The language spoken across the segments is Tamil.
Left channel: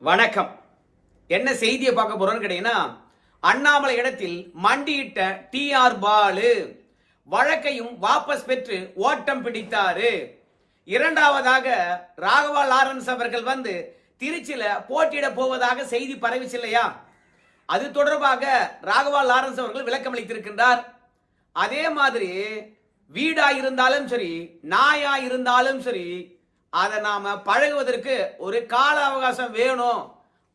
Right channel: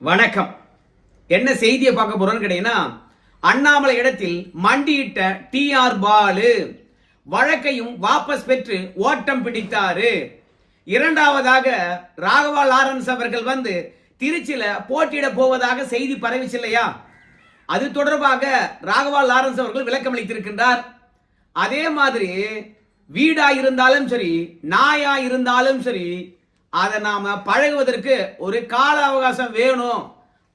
வணக்கம். என்ன செய்தியை பார்க்க போறோம்னு கேட்டீங்கன்னா, அண்ணாமலை இடத்தில் மண்டியிட்ட டி.ஆர். பாலு வழக்கையும் வாபஸ் பெற்று ஓட்டம் பிடித்தாரு. இரண்டாவதாக ராகவா லாரன்ஸ் அவர்கள் திருச்சியில போட்டியிட போவதாக செய்தி பரவிச்சு இல்லையா? அது தொடர்பாக ராகவா லாரன்ஸ் அவர்கள் விளக்கம் அளித்திருக்கின்றார். அதே மாதிரி வீடா இருந்தாலும் சரி, நாயா இருந்தாலும் சரி, அதை நாம பழகுவதற்கு ஒரு கால அவகாசம் வேணும்.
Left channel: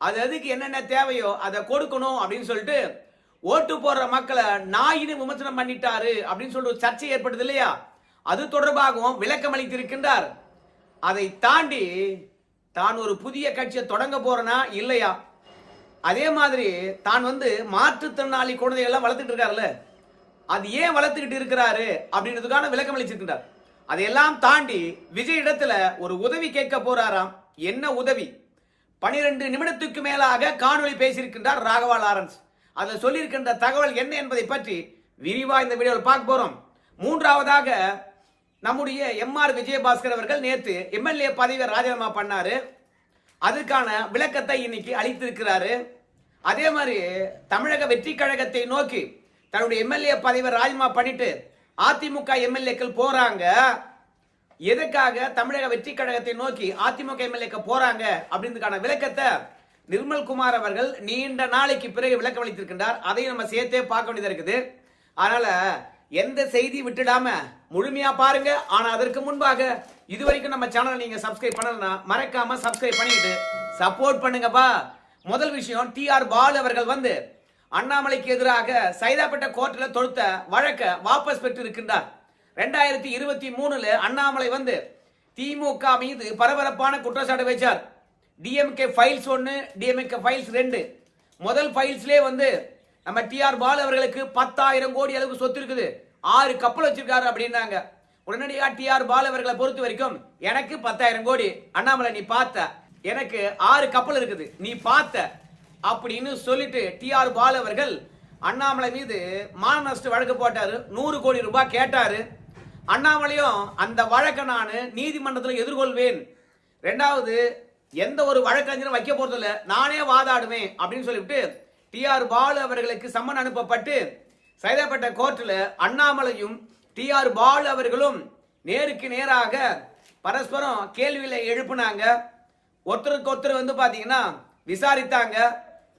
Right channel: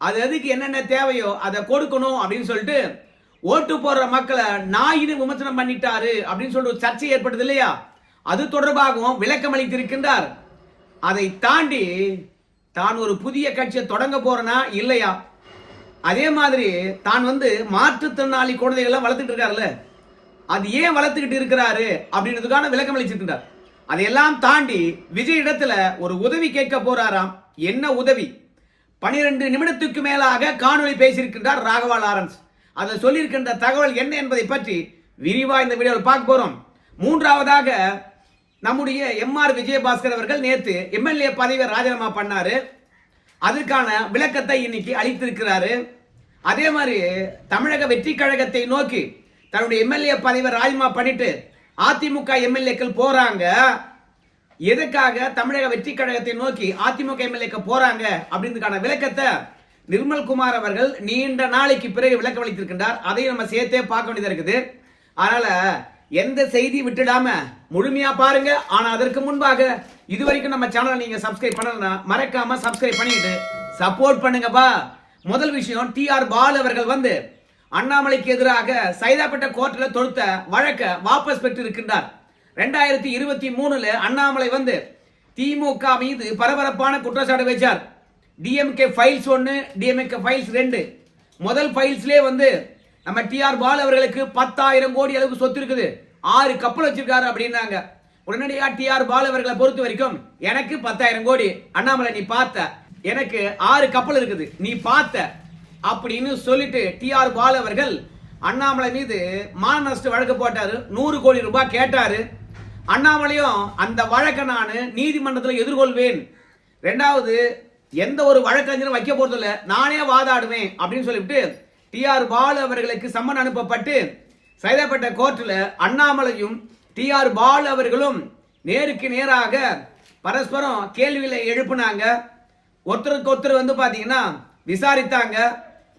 அது எதுக்கு என்னென்ன தேவையோ அதை கொடுக்கணும் அப்படின்னு சொல்லிட்டு ஓட்டு போடுற மக்களை நாயின்னு விமர்சனம் பண்ணிட்டாரு அப்படின்னு சொல்லிட்டு சர்ச்சை ஏற்படுது இல்லையா? அது தொடர்பாகவும் விளக்கம் அளித்திருக்கின்றார். அதை தாண்டி தான் ஒரு புதிய கட்சியை தொடங்க போறனா இல்லையா, அதே மாதிரி தான் மாற்றுத்திறனாளி குழந்தைகள் வளர்த்துட்டு இருக்காருல்ல, அது ஏன் வளர்த்துக்கிட்டு இருக்கிறாரு அப்படின்றதுக்கான விளக்கம் அளிச்சிருக்கின்றார். அதையெல்லாம் தாண்டி விஜய் இடத்துல ஒரு உதவி கேட்க போறாராம். என்ன உதவி? 12 நிமிடத்துக்கு மேலாக காணொலி பேசியிருக்கின்றார் ராகவா லாரன்ஸ். அதில் சொல்லியிருக்கின்ற தகவல் என்ன என்பதை பற்றி விரிவா இந்த வீடியோவில் பார்க்க போறோம். மூன்றாவதாக நம்முடைய எம்.ஆர். விஜயபாஸ்கர் அவர்கள் நேற்று எம்எல்ஏ பதவியை ராஜினாமா பண்ணாரு. அதுக்கான விளக்கத்தை இன்னைக்கு அளித்திருக்கிறாரு. அதே மாதிரி தமிழக வெற்றி கழகத்தை நோக்கி தன்னுடைய எம்எல்ஏ பதவியை ராஜினாமா பண்ணிட்டு அதிமுக எம்எல்ஏக்கள் போறாங்க. எதுக்காக தமிழக வெற்றி கழகத்தை நோக்கி அதிமுக எம்எல்ஏக்கள் போறாங்க அப்படின்றதுக்கான விளக்கத்தை நிர்மல்குமார் அவர்கள் நீண்ட நாளைக்கு பிறகு விளக்கம் அளித்திருக்கின்றார். அதையும் நம்ம சேர்த்தே பார்க்க வேண்டியதா இருக்குது. அதனால எந்த செய்தி விட்டுடாம முழுமையா பாருங்க. ஆனா அதற்கு முன்பாக இதுவரைக்கும் நம்ம சேனலை நீங்க சப்ஸ்கிரைப் பண்ணலன்னா மறக்காம சப்ஸ்கிரைப் பண்ணிட்டு சப்போர்ட் பண்ணுங்கப்பா. முதல் விஷயம், டி.ஆர். பாலு அவர்கள் அண்ணாமலைக்கு எதிராக சைதாப்பேட்டை கோர்ட்டில் தொடுத்த வழக்கை வாபஸ் பெற்று இருக்கின்றார். 2023 அண்ணாமலை திமுக மீது பரபரப்பான குற்றச்சாட்டு வச்சார். DMK files 1, DMK files 2. முதல் ஃபைல்ஸ்லே நம்ம டி.ஆர். பாலு அவர்களுக்கு 10,000 கோடி அளவுக்கு சொத்து இருக்குது, 6 கப்பல் வச்சிருக்காரு அப்படின்னாங்க. உடனடியாக டி.ஆர். பாலு அவர்களை பொறுத்த வரைக்கும், எனக்கு 10,000 கோடி, அண்ணாமலை நீ பார்த்த, எனக்கு 6 கப்பல் இருக்குது நீ பார்த்த அப்படின்னு சொல்லிட்டு டி.ஆர். பாலு அவர்கள் அண்ணாமலை மீது மான நஷ்ட வழக்கு போட்டாரு. 100 கோடி ரூபாய் கேட்டாரு. அண்ணாமலையும் அந்த வழக்கை நான் நீதிமன்றத்தில் எதிர்கொள்வேன், ரெண்டாவது எந்த ஒரு வழக்கறிஞரும் வைக்க போறதில்ல, நானே வாதாடுவேன் அப்படின்னு சொல்லிவிட்டு டி.ஆர். பாலு அவர்களுக்கு சம்மன் அனுப்பப்பட்டு சைதாப்பேட்டை கோர்ட்டில் அண்ணாமலையும் டி.ஆர். பாலு அவர்களும் நேருக்கு நேராக பரஸ்பரம் கேள்விகளை எழுப்பினாங்க. ஒருத்தருக்கு ஒருத்தர் பாத்தீங்கன்னா விசாரித்தாங்க.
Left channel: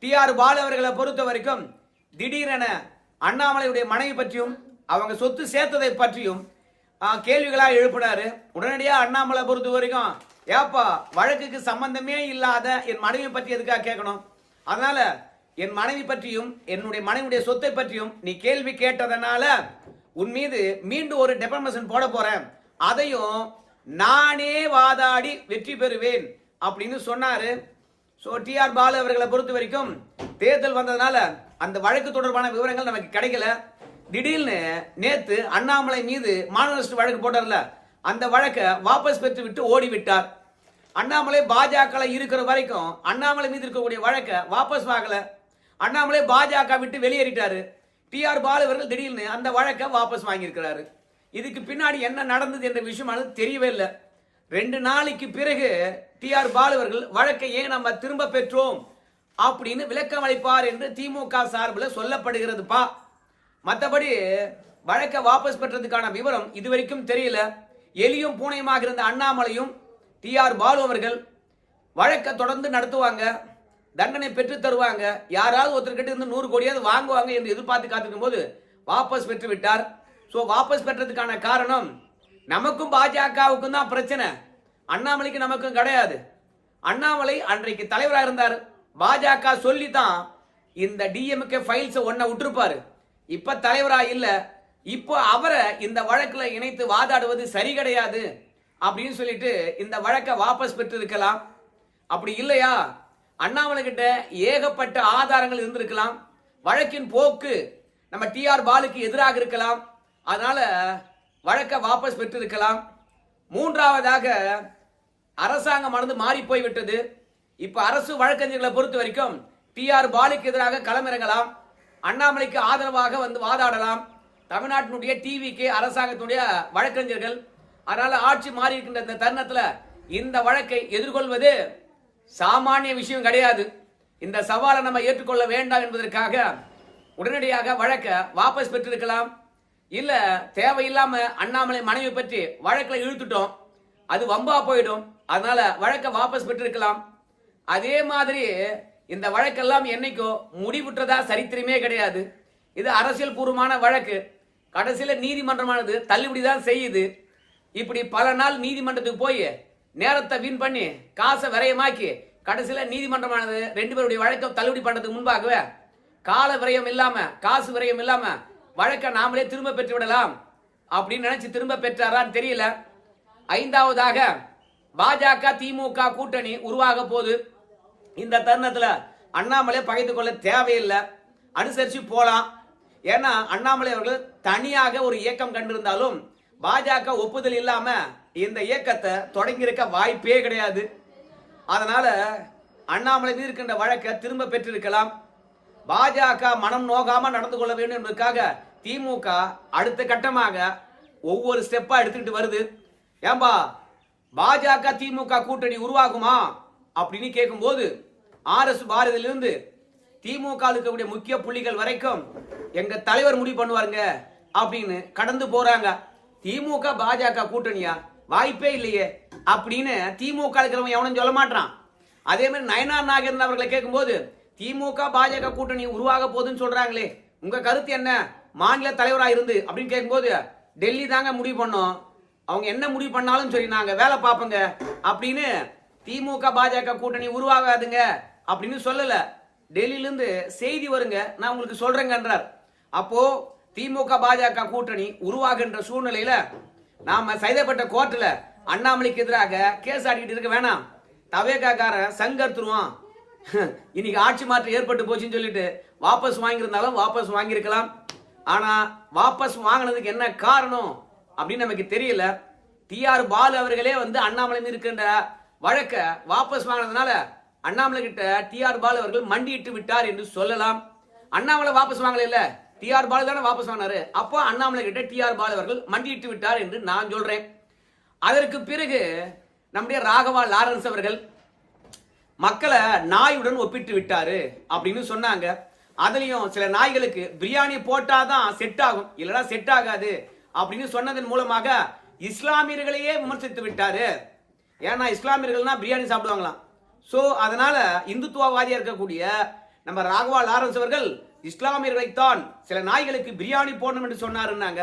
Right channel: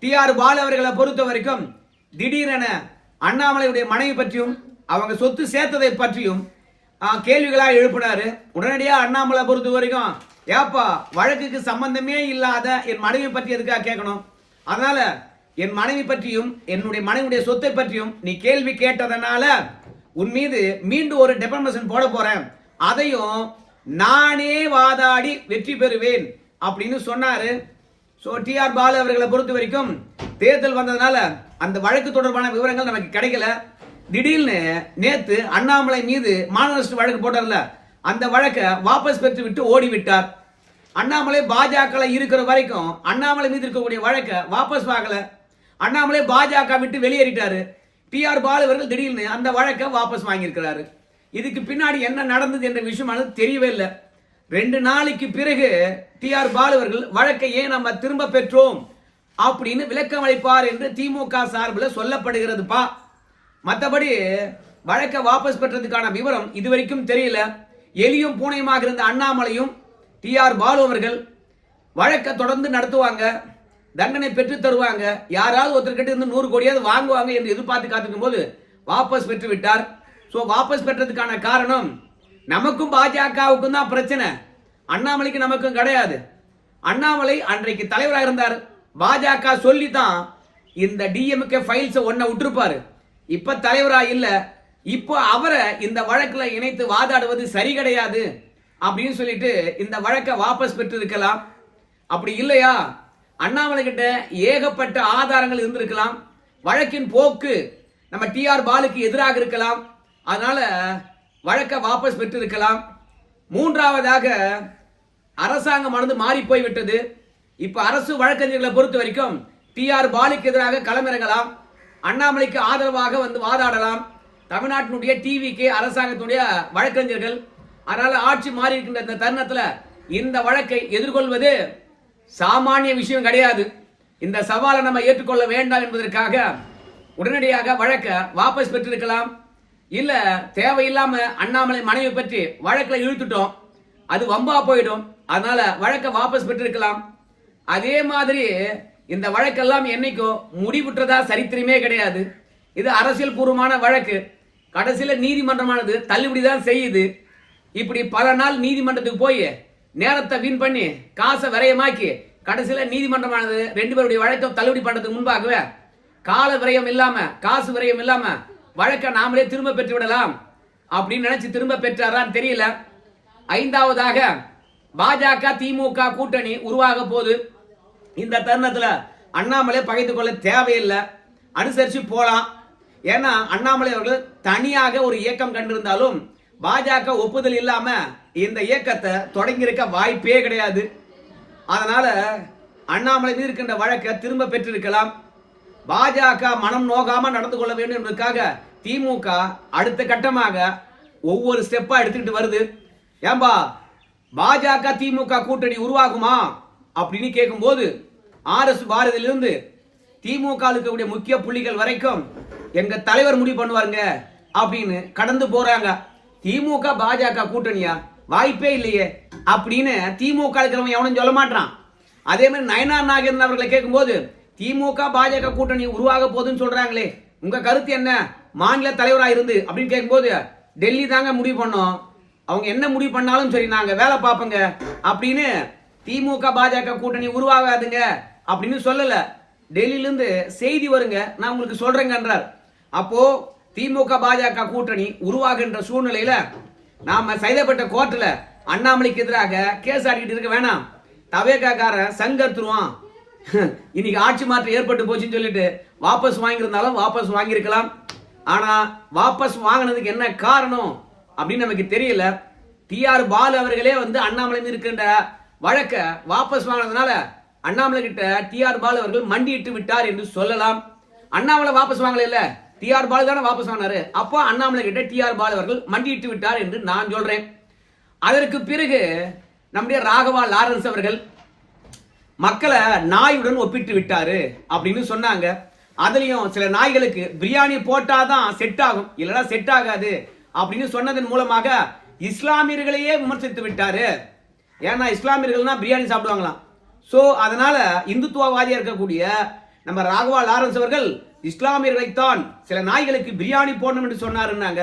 டி.ஆர். பாலு அவர்களை பொறுத்த வரைக்கும் திடீரென அண்ணாமலையுடைய மனைவி பற்றியும் அவங்க சொத்து சேர்த்ததை பற்றியும் கேள்விகளாக எழுப்பினாரு. உடனடியாக அண்ணாமலை பொறுத்த வரைக்கும், ஏப்பா வழக்குக்கு சம்பந்தமே இல்லாத என் மனைவி பற்றி எதுக்காக கேட்கணும், அதனால என் மனைவி பற்றியும் என்னுடைய மனைவியுடைய சொத்தை பற்றியும் நீ கேள்வி கேட்டதனால உன் மீது மீண்டும் ஒரு டெபர்மேஷன் போட போறேன், அதையும் நானே வாதாடி வெற்றி பெறுவேன் அப்படின்னு சொன்னாரு. டி.ஆர். பாலு அவர்களை பொறுத்த வரைக்கும் தேர்தல் வந்ததுனால அந்த வழக்கு தொடர்பான விவரங்கள் நமக்கு கிடைக்கல. திடீர்னு நேத்து அண்ணாமலை மீது மான நஷ்ட வழக்கு போட்டார்ல, அந்த வழக்கை வாபஸ் பெற்று விட்டு ஓடிவிட்டார். அண்ணாமலை பாஜக இருக்கிற வரைக்கும் அண்ணாமலை மீது இருக்கக்கூடிய வழக்கை வாபஸ் வாங்கல. அண்ணாமலை பாஜக விட்டு வெளியேறிட்டாரு. டி.ஆர். பாலு அவர்கள் திடீர்னு அந்த வழக்கை வாபஸ் வாங்கியிருக்கிறாரு. இதுக்கு பின்னாடி என்ன நடந்தது என்ற விஷயம் தெரியவே இல்லை. 2 நாளைக்கு பிறகு டி.ஆர். பாலு அவர்கள் வழக்கை ஏன் நம்ம திரும்ப பெற்றோம் அப்படின்னு விளக்கம் அளிப்பார் என்று திமுக சார்பில் சொல்லப்படுகிறதுப்பா. மற்றபடி வழக்கை வாபஸ் பெற்றதுக்கான விவரம் இதுவரைக்கும் தெரியல. எலியும் பூனையுமாக இருந்த அண்ணாமலையும் டி.ஆர். பாலு அவர்கள் வழக்கை தொடர்ந்து நடத்துவாங்க, தண்டனை பெற்று தருவாங்க, யாராவது ஒருத்தர்கிட்ட இருந்து 100 கோடியாவது வாங்குவாங்க என்று எதிர்பார்த்து காத்திருக்கும் போது வாபஸ் பெற்று விட்டார். வாபஸ் பெற்றதுக்கான காரணம், நமக்கும் பாஜகவுக்கும் தான் பிரச்சனை, அண்ணாமலைக்கு நமக்கும் கிடையாது. அண்ணாமலை அன்றைக்கு தலைவராக இருந்தார், பாஜக சொல்லி தான் இந்த டிஎம்கே ஃபைல்ஸ் ஒன்ன விட்டுருப்பாரு. இப்ப தலைவரா இல்ல, இப்போ அவரை இந்த வழக்கில் இணைத்து வாதாடுவது சரி கிடையாது அப்படின்னு சொல்லிட்டு இந்த வழக்கை வாபஸ் பெற்று இருக்கலாம். அப்படி இல்லையா, அண்ணாமலை கிட்ட ஏகப்பட்ட ஆதாரங்கள் இருந்திருக்கலாம், வழக்கின் போக்கு நம்ம டி.ஆர். பாலுக்கு எதிராக இருக்கலாம், அதனால வழக்கை வாபஸ் பெற்று இருக்கலாம். மூன்றாவதாக அரசாங்கம் மாறி போய்விட்டது. இப்ப அரசு வழக்கறிஞர்களை பொறுத்த வரைக்கும் டி.ஆர். பாலுக்கு எதிராக களமிறங்கலாம், அண்ணாமலைக்கு ஆதரவாக வாதாடலாம். தமிழ்நாட்டினுடைய டிவிக்கு அரசாங்கத்துடைய வழக்கறிஞர்கள், அதனால ஆட்சி மாறி இருக்கின்ற இந்த தருணத்தில் இந்த வழக்கை எதிர்கொள்வது சாமானிய விஷயம் கிடையாது. இந்த சவாலை நம்ம ஏற்றுக்கொள்ள வேண்டாம் என்பதற்காக உடனடியாக வழக்க வாபஸ் பெற்றிருக்கலாம். இல்ல தேவையில்லாம அண்ணாமலை மனைவி பற்றி வழக்கில் இழுத்துட்டோம், அது வம்பா போயிடும், அதனால வழக்க வாபஸ் பெற்றிருக்கலாம். அதே மாதிரி இந்த வழக்கெல்லாம் என்னைக்கோ முடிவுற்றதா சரித்திரமே கிடையாது. இது அரசியல் பூர்வமான வழக்கு. கடைசியில நீதிமன்றமானது தள்ளுபடிதான் செய்யுது. இப்படி பல நாள் நீதிமன்றத்துக்கு போய் நேரத்தை வீண் பண்ணி காசை விரயமாக்கி கடைசியில நீதிமன்றமானது 2 பேருடைய வழக்கை தள்ளுபடி பண்றதுக்கு முன்பாகவே கால விரயம் இல்லாம காசு விரயம் இல்லாம வழக்கை நாமளே திரும்ப பெற்று விடலாம் அப்படின்னு நினைச்சு திரும்ப பெற்றாரான்னு தெரியல. 5வதாக பாஜக திமுக கூட்டணி உருவாக போது. இந்த தருணத்துல அண்ணாமலை பகைத்து கொள்ள தேவையில்லை, அனுசரிச்சு போலாம். ஏன்னா அண்ணாமலை அவர்கள் தனியாக ஒரு இயக்கம் கண்டிருந்தாலும் பாஜக ஒப்புதல் இல்லாம இந்த இயக்கத்தை தொடங்கியிருக்க வாய்ப்பே கிடையாது. அதனால அண்ணாமலை மீது இருக்கின்ற வழக்கை திரும்ப பெற்றிருக்கலாம். பாஜக மனம் நோகாம நடந்து கொள்ள வேண்டும் என்பதற்காக திமுக அடுத்த கட்டமாக ஒவ்வொரு ஸ்டெப்பா எடுத்துக்கிட்டு வருது. ஏம்பா பாஜக திமுக கூட்டணி உருவாகுமா அப்படின்னு கேட்கும்போது RS பாரதியிலிருந்து திமுக இருக்கக்கூடிய முக்கிய புள்ளிகள் வரைக்கும் எங்க தலைவர் முடிவு பண்ணுவாருங்க அப்படின்னு கடந்து போறாங்க. திமுக பாஜக கூட்டணியா? வாய்ப்பே இல்லையே அப்படின்னு திமுக இருக்கிறவங்க எவனும் சொல்ல மாட்டான். அதே மாதிரி நயனார் நாகேந்திரன் அவர்களை கேட்கும்போது திமுக பாஜக கூட்டணி உருவாக போகுதுன்னு சொல்றாங்களே, உங்க கருத்து என்ன மாநில தலைவராக இருந்து அப்படின்னு கேட்கும்போது டெல்லி தாங்க முடிவு பண்ணோம், அவங்க என்ன முடிவு பண்ணாலும் சரி நாங்க வேலை பார்ப்போங்க அப்படின்னு திமுக பாஜக கூட்டணி உருவாகாதுங்க அப்படின்னு சொல்லல. டெல்லியிலிருந்து செய்தி வருங்க, நான் உங்களுக்கு சொல்றேங்கன்றார். அப்போ திமுக பாஜக கூட்டணி உருவாகின்ற சூழ்நிலையில நாம சைதாப்பேட்டை கோர்ட்ல அண்ணாமலைக்கு எதிராக கேஸ் ஆடிக்கிட்டு இருக்க வேணாம். தவேகாக்காரன் சங்கர்த்துருவான், இன்னைக்கு ஆட்சி மாற்றம் ஏற்பட்டு போச்சுன்னு சொல்லிட்டு வாபஸ் வாங்கியிருந்தாலும் வாபஸ் வாங்கியிருக்கலாம். ஆனா வாபஸ் வாங்கினதுக்கு என்ன காரணம் அப்படின்னு நமக்கு தெரியல. TR பாலு அவர்களே வந்து அண்ணாமலை இருக்கின்ற வழக்க வாபஸ் வாங்கினதுனால அண்ணாமலை கிட்ட TR பாலு அவர்கள் மண்டியிட்டு விட்டார் என்று சொல்லலாம். அண்ணாமலை வாபஸ் வாங்கல, இல்ல TR பாலு தானே வாபஸ் வாங்கினாரு. அப்போ அண்ணாமலை கிட்ட TR பாலு அவர்கள் மண்டியிட்டு விட்டார் என்று நான் சொல்றேன். அதற்கு பிறகு நம்முடைய ராகவா லாரன்ஸ் அவர்கள் மக்களை நாயுடன் ஒப்பிட்டு விட்டாரு அப்படின்னு சொன்னாங்க. அதுலயும் சில நாய்களுக்கு பிரியாணி போட்டாதான் செட் ஆகும், இல்லைன்னா செட் ஆகாது அப்படின்னு சொன்னதன் மூலமாக இஸ்லாமியர்களையே விமர்சித்து விட்டாரு. ஏன்னா இஸ்லாமியர்கள்னா பிரியாணி சாப்பிடுவாங்களாம். சோ அதனால இந்துத்துவவாதியா இருக்கக்கூடிய நம்ம ராகவா லாரன்ஸ் அவர்கள் இஸ்லாமியர்களைத்தான் சில நாய்களுக்கு பிரியாணி போடணும் என்று சொன்னாருன்னாங்க.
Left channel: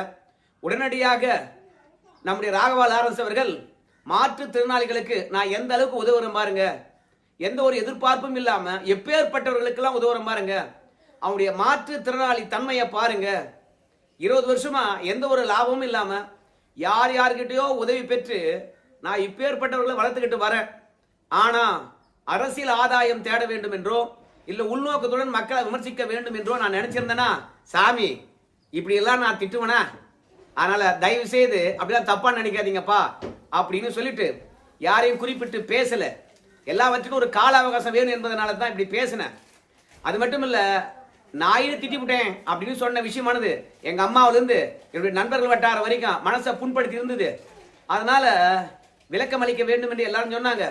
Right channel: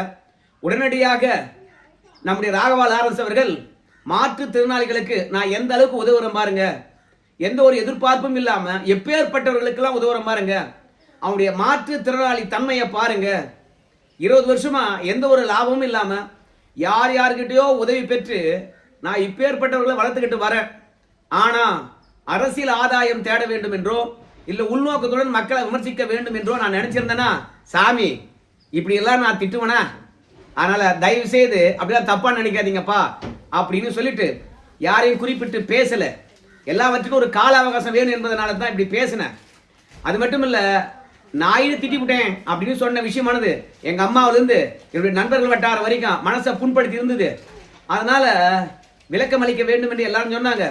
உடனடியாக நம்முடைய ராகவா லாரன்ஸ் அவர்கள் மாற்றுத்திறனாளிகளுக்கு நான் எந்த அளவுக்கு உதவுறேன் பாருங்க, எந்த ஒரு எதிர்பார்ப்பும் இல்லாம எப்பேற்பட்டவர்களுக்கெல்லாம் உதவுறேன் பாருங்க, அவனுடைய மாற்றுத்திறனாளி தன்மையை பாருங்க. 20 வருஷமா எந்த ஒரு லாபமும் இல்லாம யார் யார்கிட்டயோ உதவி பெற்று நான் இப்பேற்பட்டவர்களை வளர்த்துக்கிட்டு வரேன். ஆனா அரசியல் ஆதாயம் தேட வேண்டும் என்றோ இல்ல உள்நோக்கத்துடன் மக்களை விமர்சிக்க வேண்டும் என்றோ நான் நினைச்சிருந்தேன்னா சாமி இப்படி எல்லாம் நான் திட்டுவேனா? அதனால தயவு செய்து அப்படிலாம் தப்பா நினைக்காதீங்கப்பா அப்படின்னு சொல்லிட்டு யாரையும் குறிப்பிட்டு பேசல. எல்லாவற்றுக்கும் ஒரு கால அவகாசம் வேணும் என்பதனால தான் இப்படி பேசினேன். அது மட்டும் இல்ல, நான் திட்டி விட்டேன் அப்படின்னு சொன்ன விஷயமானது எங்க அம்மாவிலிருந்து என்னுடைய நண்பர்கள் வட்டார வரைக்கும் மனசை புண்படுத்தி இருந்தது. அதனால விளக்கம் அளிக்க வேண்டும் என்று எல்லாரும் சொன்னாங்க.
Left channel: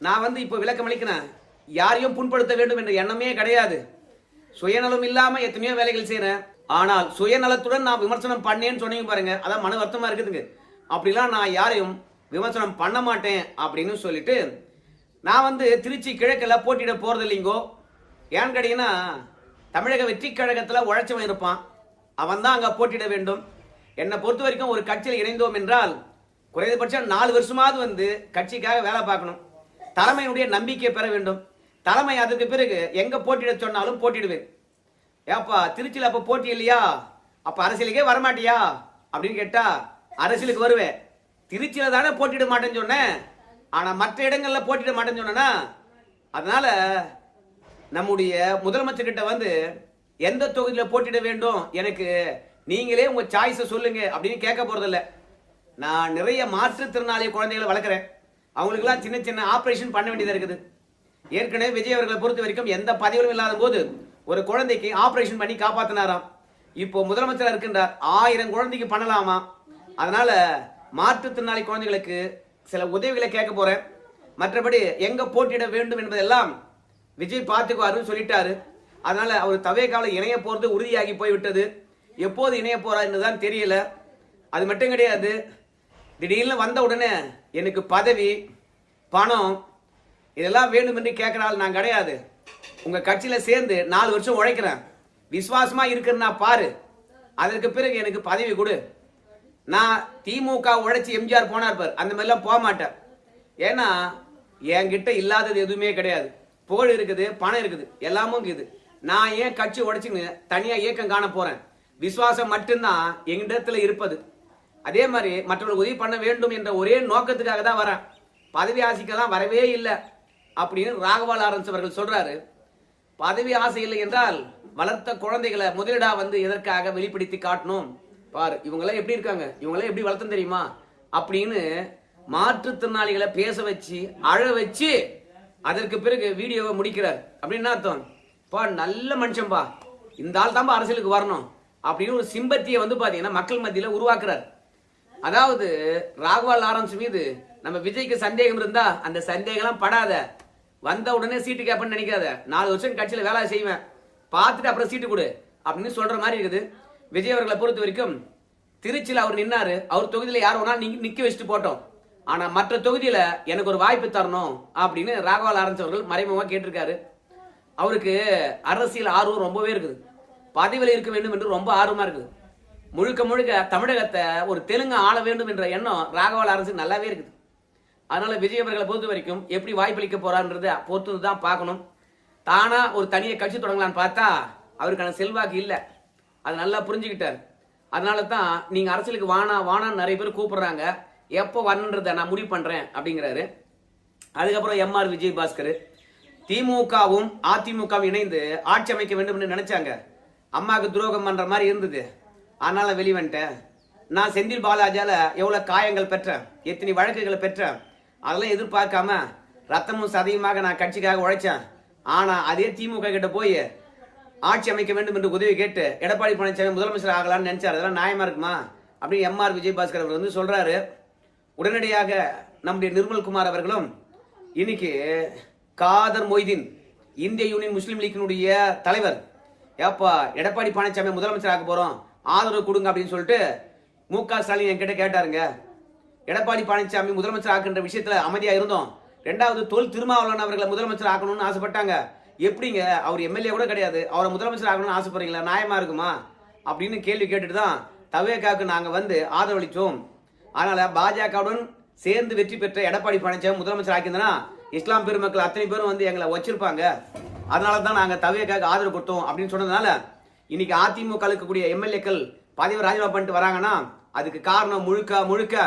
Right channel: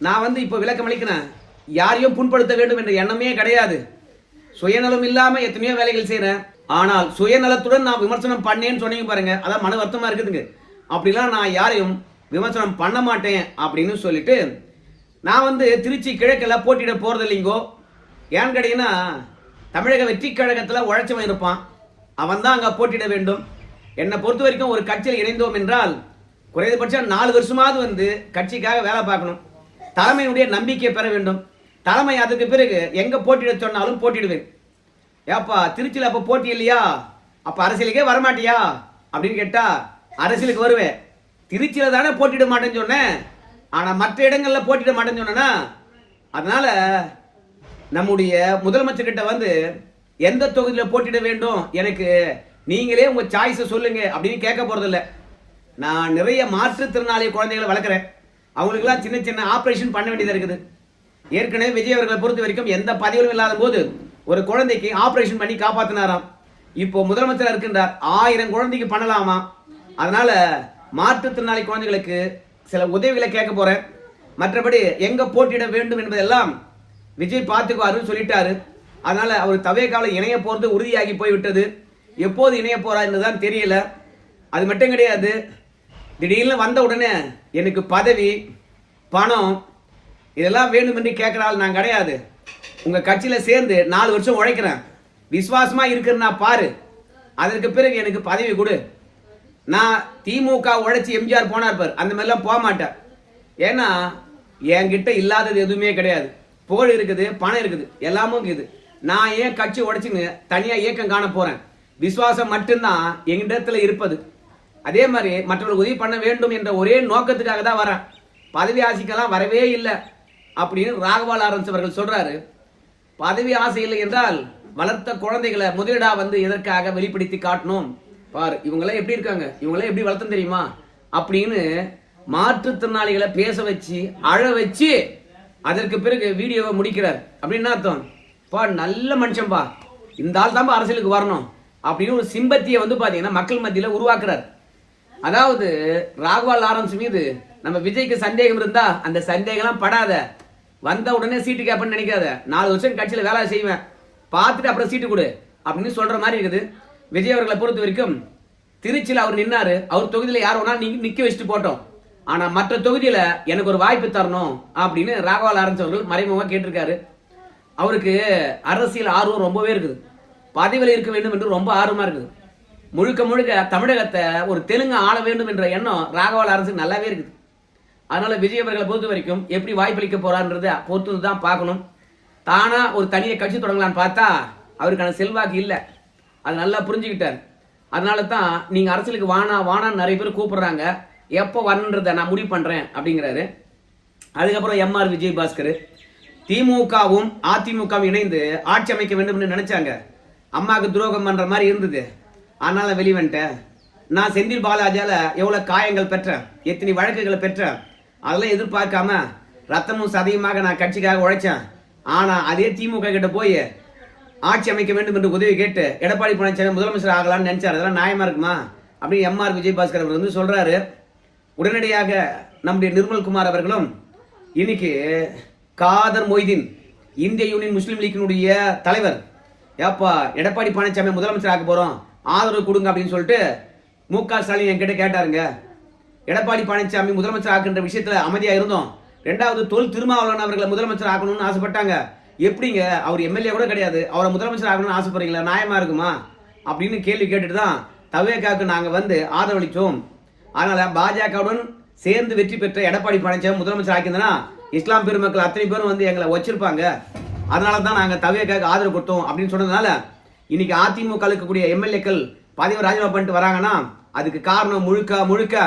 நான் வந்து இப்போ விளக்கம் அளிக்கிறேன். யாரையும் புண்படுத்த வேண்டும் என்ற எண்ணமே கிடையாது. சுயநலம் இல்லாம எத்தனையோ வேலைகள் செய்யறேன். ஆனால் சுயநலத்துடன் நான் விமர்சனம் பண்ணேன்னு சொன்னீங்க பாருங்க, அதான் மன வருத்தமா இருக்குதுங்க. அப்படிலாம் நான் யாரையும் விமர்சனம் பண்ண மாட்டேன் அப்படின்னு சொல்லிட்டு நான் வந்து திருச்சி கிழக்கில் போட்டியிட போறது இல்லைங்கோ. ஏன்னு கேட்டீங்கன்னா தமிழக வெற்றி கழகத்தில் உழைச்சவன் இருப்பான், அவன் தான் அங்கே போட்டியிட வேண்டும். என்னை பொறுத்த வரைக்கும் ஒரு கட்சியில் இணைந்தோம் என்றால் குறைந்தபட்சம் 4 வருஷமாவது வந்து கட்சிக்காக வேலை பார்க்கணும், தலைமையினுடைய நம்பிக்கையை பெற வேண்டும். தலைமை அதுக்கு பிறகு எங்க போட்டியிட சொன்னாலும் போட்டிடுவேன். ஏப்பா திருச்சியில் அப்போ போட்டி இல்லையா, அப்ப அரசியலுக்கே வரமாட்டியா அப்படின்னு கேட்டா அரசியலுக்கு வருவேன். திருச்சியில தானே போட்டியிட மாட்டேன்னு சொன்னேன், ஆனா மற்ற இடங்கள்ல போட்டியிட மாட்டேன்னு சொன்னா. அதனால நம்முடைய முதலமைச்சர் கிட்ட வந்து எந்த தொகுதியில போட்டியிட வேண்டும் எனக்கு நீங்களே உங்க சாய்ஸை சொல்லுங்க அப்படின்னு கேட்க போறதில்ல. நான் நிறைய மாற்றுத்திறனாளி குழந்தைகளை வளர்க்குறேன், அவங்களுக்குலாம் சின்ன சின்ன ஆபரேஷன் பண்ண வேண்டியதா இருக்குது. ஏற்கனவே விஜய் அவர்களை பொறுத்த வரைக்கும் எந்த பதிவும் இல்லாத போது ஒரு குழந்தைக்கு ஆபரேஷன் பண்ணி காப்பாத்தினாராம். இப்போ முதலமைச்சர் இருக்கின்றார், 1000 குழந்தைக்கு பண்ணலாமா. அதனால மாற்றுத்திறனாளி குழந்தைகளுக்கு சில உதவிகளை கேட்க போறேன். மற்றபடி எங்க போட்டியிட வேண்டும் என்பதெல்லாம் விஜய் பார்த்துக்குவாருன்னு சொல்லிட்டாரு. அதனால அவர் தவேகாவில் இணைய போறது உறுதியாகி போய்விட்டது. எப்போது இணைய போறா என்றுதான் தெரியல. அது மட்டும் கிடையாது, திடீர்னு வந்த உடனே எனக்கு பதவி பணம் இதெல்லாம் வேண்டும் என்று கேட்கிறாள் நான் கிடையாது. உங்க கட்சியில சேர்ந்து 4 வருஷம் உழைக்கிறேன், விசுவாசமா இருக்கிறேன்னா பாரு, அதற்கு பிறகு எனக்கு பதவி கொடு. நான் திமுக உழைச்சி எம்ஜிஆர் போனார் பார், அந்த மாதிரிலாம் போக மாட்டேன். ஏன்னா என்கிட்ட இல்லாதது எதுவுமே கிடையாது. புகழ் இருக்குது, பணம் இருக்குது, எல்லாமும் இருக்குது. நான் ஏன் கட்சி உடைச்சுன்னு தனியா இயக்கம் காண போறேன்? விசுவாசம் மட்டும்தான் எங்கிடத்துல இருப்பது. அதே மாதிரி மற்றவர்கள் உதவி பண்ண வேண்டும் என்ற ஒரே நோக்கத்துக்காக தான் வரேன். பதவி ஆசைக்கெல்லாம் வரவே இல்லை அப்படின்னு ராகவா லாரன்ஸ் அவர்கள் சொல்றாரு. பதவி ஆசை இல்லை என்றால் வளர்த்த குழந்தைகளை முதலிடா வந்து எதற்காக வெளிப்படுத்தி காட்டணும்? பாரு இவங்களாம் எப்படி இருக்காங்க, இவங்களாம் எப்படி வளர்த்தம் தெரியுமா அப்படின்னு மாற்றுத்திறனாளிகளை பேச வச்சு அழ வச்சு அதற்கு பிறகு வீடியோவை முடிக்கிறார். அப்படின்னு அர்த்தம், பா நல்ல மனுஷன்பா, இந்த ஆள் தான் அரசியலுக்கு வரணும் அப்படின்னு ஒரு சிம்பத்தியை வந்து பாத்தீங்கன்னா மக்கள் மத்தியில உருவாக்குறார். அதாவது ராகவா லாரன்ஸ் மீது நம்ம விஜய்க்கு சந்தேகம் இருந்தா அந்த சந்தேகம்லாம் படாத, வந்த உடனே சீட்டு கேட்பேன்னு நினைக்காத, 4 வருஷம் கட்சியில வேலை செய்வேன், பார்த்துட்டு அப்புறம் சீட்டு கொடு அப்படின்னு சொல்ற மாதிரி இருக்குது. விஜய் அவர்களை பொறுத்த வரைக்கும் திருச்சியில் அவர் நின்னாரு, அவர் தொகுதியில யார் வேணாலும் நீங்க நிக்க வச்சுட்டு போட்டோம், ஆனா மற்ற தொகுதியில எனக்கு ஒரு வாய்ப்பு தரணும் அப்படின்னு ராகவா லாரன்ஸ் அவர்கள் மறைமுகமா கேட்டிருக்காரு. அவருக்கு அரசியல் ஆர்வம் ரொம்பவே இருக்குது, பதவியில் இருக்க வேண்டும் என்று ரொம்ப ஆர்வமா இருக்குது. முழுக்க முழுக்க தமிழகத்தை ஒரு தெலுங்கு ஆள வேண்டும் என்ற எண்ணம் ராகவா லாரன்ஸுக்கு நல்லாவே இருக்குது. அதனால விஜய் அவர்களை பொறுத்த வரைக்கும் எப்படி வாய்ப்பளிக்க போறான்றதை பொறுத்து தான் பார்க்கணும். தானா ஒரு தனியை கட்சி தொடங்கலான்னு பார்த்தா அவருக்கான செல்வாக்கு இல்லை, அது நல்லா புரிஞ்சுக்கிட்டார். அதனால தான் நீங்க அரசியலுக்கு வானான்னு நிறைய பேர் கூப்பிடுறாங்க, எப்போ வரணுன்றதை நான் முடிவு பண்றேன் அப்படிங்கிறாரு. அதுக்கப்புறம் எம்ஆர் விஜயபாஸ்கர் திமுகவும் அதிமுகவும் இணைந்து ஆட்சி அமைக்க வேண்டும் என்று நினைச்சாங்க, அம்மாவுக்கு துரோகம் பண்ற மாதிரி இருந்தது, அதனால வெளிவன்ட்டேன். நான் செந்தில் பாலாஜால எவ்வளவு காயங்கள் பெற்றேன், எத்தனை வழக்குகளை பெற்றேன், அதெல்லாம் எதிர்பார்க்காம ரத்தமும் சதையுமாக நான் கட்சிக்காக உழைச்சேன். ஆனா அதே திமுக கிட்ட போய் ஆட்சி அமைக்க வேண்டும் என்று உதவி கேட்டு எடப்பாடி பழனிசாமி முதலமைச்சர் ஆகலாம்னு நினைச்சார், அதெல்லாம் நியாயமா இருக்குமா அப்படின்னு எம்ஆர் விஜயபாஸ்கர் அவர் வந்து சொல்றாரு. உடனடியாக நம்முடைய நிர்மல்குமார் அவர்களும் இன்னைக்கு காதர் மொய்தீன் இந்திய யூனியன் முஸ்லீம் லீக்கினுடைய தலைவர், ஏப்பா எடப்பாடி பழனிசாமி முதலமைச்சர் ஆக போறோம், ஆதரவு கொடுங்க அப்படின்னு சொல்லிட்டு மு.க. ஸ்டாலின் என்கிட்ட கேட்டாருங்க. எடப்பாடி பழனிசாமி முதலமைச்சர் ஆக்குன்ற விஷயத்துல அமைதியா இருந்தோம். 2வது தொல் திருமாவளவன் அவர்களை முதலமைச்சர் ஆக்கணும்னு ஆசைப்பட்டாங்க. எப்படிங்க, அவர் எம்எல்ஏ கூட கிடையாது, அவரை முதலமைச்சர் ஆகணும்னு ஆசைப்படுறீங்களா, நியாயமா இருக்குமா அப்படின்னு கேள்வி கேட்டுட்டு தான் தவேகாவுக்கு நாங்க வந்து ஆதரவளிச்சோம். அதனால பாஜகவுடன் சேர்ந்து வெற்றி பெற்ற எடப்பாடி பழனிசாமி முதலமைச்சர் ஆக்கியிருந்தா இஸ்லாம் பெருமக்கள் அத்தனை பேரும் வந்து எங்களை வச்சிருப்பாங்க, அதனால தான் நாங்க தவேகாவுக்கு ஆதரவு கொடுத்தோம் அப்படின்னு சொன்னதுனால இன்னைக்கு அதிமுக இருக்கக்கூடிய எம்எல்ஏக்கள் பதவி ராஜினாமா பண்ணிட்டு வராங்கன்னா அதுக்கு காரணம் முழுக்க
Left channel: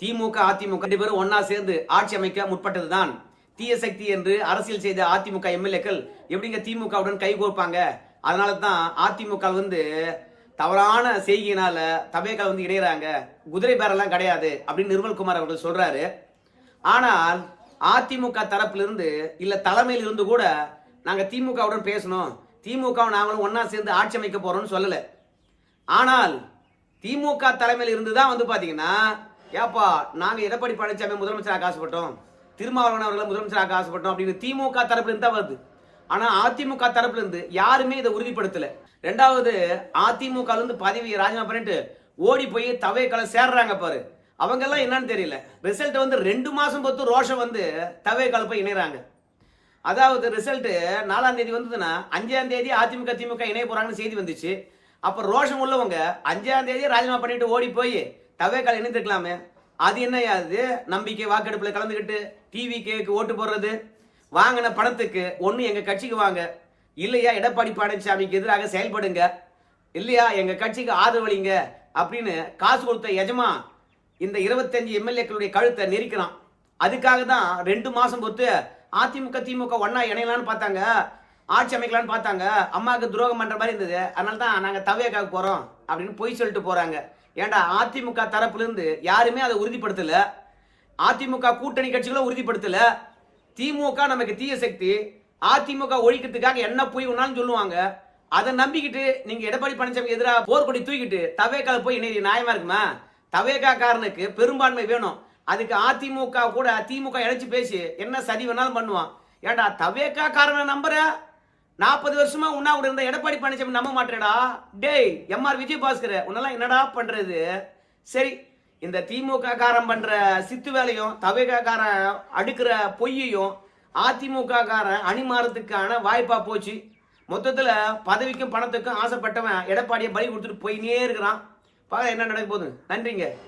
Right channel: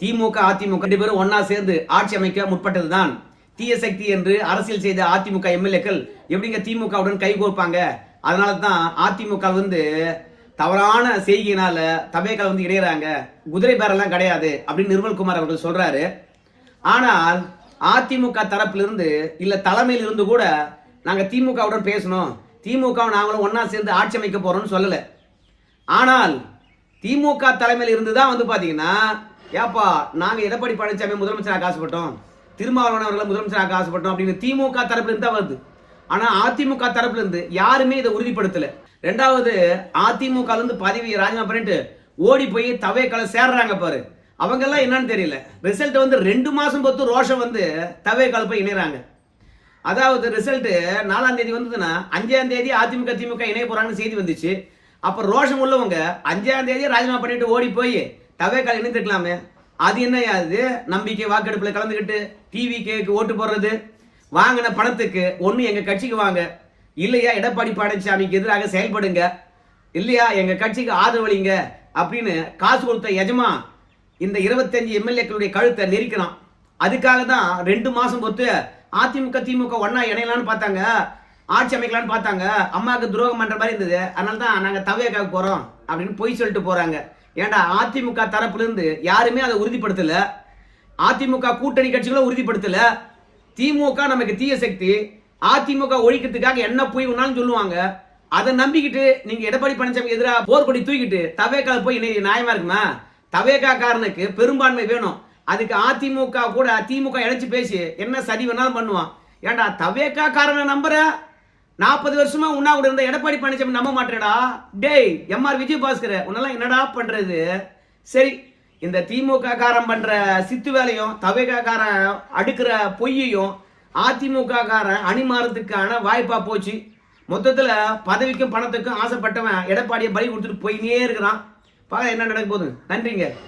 திமுக அதிமுக 2 பேரும் ஒன்னா சேர்ந்து ஆட்சி அமைக்க முற்பட்டதுதான். தீய சக்தி என்று அரசியல் செய்த அதிமுக எம்எல்ஏக்கள் எப்படிங்க திமுகவுடன் கைகோர்ப்பாங்க? அதனால தான் அதிமுக வந்து தவறான செய்கையினால தவேகால வந்து இணையறாங்க, குதிரை பேரெல்லாம் கிடையாது அப்படின்னு நிர்மல்குமார் அவர்கள் சொல்றாரு. ஆனால் அதிமுக தரப்பிலிருந்து இல்ல தலைமையில் இருந்து கூட நாங்க திமுகவுடன் பேசணும், திமுக நாங்களும் ஒன்னா சேர்ந்து ஆட்சி அமைக்க போறோம்னு சொல்லல. ஆனால் திமுக தலைமையில் இருந்து தான் வந்து பாத்தீங்கன்னா, ஏப்பா நாங்க எடப்பாடி பழனிசாமி முதலமைச்சராக ஆசைப்பட்டோம், திருமாவளவன் அவர்களை முதலமைச்சராக ஆசைப்பட்டோம் அப்படின்னு திமுக தரப்புல இருந்து தான் வருது. ஆனா அதிமுக தரப்புல இருந்து யாருமே இதை உறுதிப்படுத்தல. 2வது அதிமுக இருந்து பதவி ராஜினாமா பண்ணிட்டு ஓடி போய் தவேகால சேர்றாங்க பாரு, அவங்க எல்லாம் என்னன்னு தெரியல. ரிசல்ட் வந்து 2 மாசம் பொறுத்து ரோஷம் வந்து தவேகால போய் இணைறாங்க. அதாவது ரிசல்ட் 4ஆம் தேதி வந்ததுன்னா 5ஆம் தேதி அதிமுக திமுக இணைய போறாங்கன்னு செய்தி வந்துச்சு. அப்ப ரோஷம் உள்ளவங்க 5ஆம் தேதி ராஜினாமா பண்ணிட்டு ஓடி போய் தவேகால இணைந்திருக்கலாமே. அது என்னையாது, நம்பிக்கை வாக்கெடுப்புல கலந்துக்கிட்டு டிவி கேக்கு ஓட்டு போடுறது, வாங்கின பணத்துக்கு ஒண்ணு எங்க கட்சிக்கு வாங்க, இல்லையா எடப்பாடி பழனிசாமிக்கு எதிராக செயல்படுங்க, இல்லையா எங்க கட்சிக்கு ஆதரவளிங்க அப்படின்னு காசு கொடுத்த எஜமா இந்த 25 எம்எல்ஏக்களுடைய கழுத்தை நெரிக்கிறான். அதுக்காக தான் 2 மாசம் பொறுத்து அதிமுக திமுக ஒன்னா இணையலான்னு பார்த்தாங்க, ஆட்சி அமைக்கலான்னு பார்த்தாங்க, அம்மாவுக்கு துரோகம் பண்ற மாதிரி இருந்தது, அதனால தான் நாங்க தவேகாக போறோம் அப்படின்னு பொய் சொல்லிட்டு போறாங்க. ஏண்டா அதிமுக தரப்புல இருந்து யாருமே அதை உறுதிப்படுத்தல, அதிமுக கூட்டணி கட்சிகளும் உறுதிப்படுத்தல. திமுக நமக்கு தீய சக்தி, அதிமுக ஒழிக்கிறதுக்காக என்ன போய் ஒன்னாலும் சொல்லுவாங்க, அதை நம்பிக்கிட்டு நீங்க எடப்பாடி பழனிசாமி எதிராக போர்க்கொடி தூக்கிட்டு தவேகால போய் நியாயமா இருக்குமா? தவேகா காரனுக்கு பெரும்பான்மை வேணும், அதுக்கு அதிமுக கூட திமுக இழைச்சு பேசி என்ன சதி வேணாலும் பண்ணுவான். ஏன்டா தவேக்கா காரனை நம்புற? 40 வருஷமா உண்ணா கூட இருந்த எடப்பாடி பழனிசாமி நம்ப மாட்டேடா. டேய் எம்ஆர் விஜயபாஸ்கர் உன்னெல்லாம் என்னடா பண்றது? சரி, இந்த திமுக காரன் பண்ற சித்து வேலையும் தவேக்கா காரன் அடுக்கிற பொய்யையும் அதிமுக காரன் அணிமாறதுக்கான வாய்ப்பா போச்சு. மொத்தத்துல பதவிக்கும் பணத்துக்கும் ஆசைப்பட்டவன் எடப்பாடியை பலி கொடுத்துட்டு போயினே இருக்கிறான். பார்க்க என்ன நடக்க போகுது. நன்றிங்க.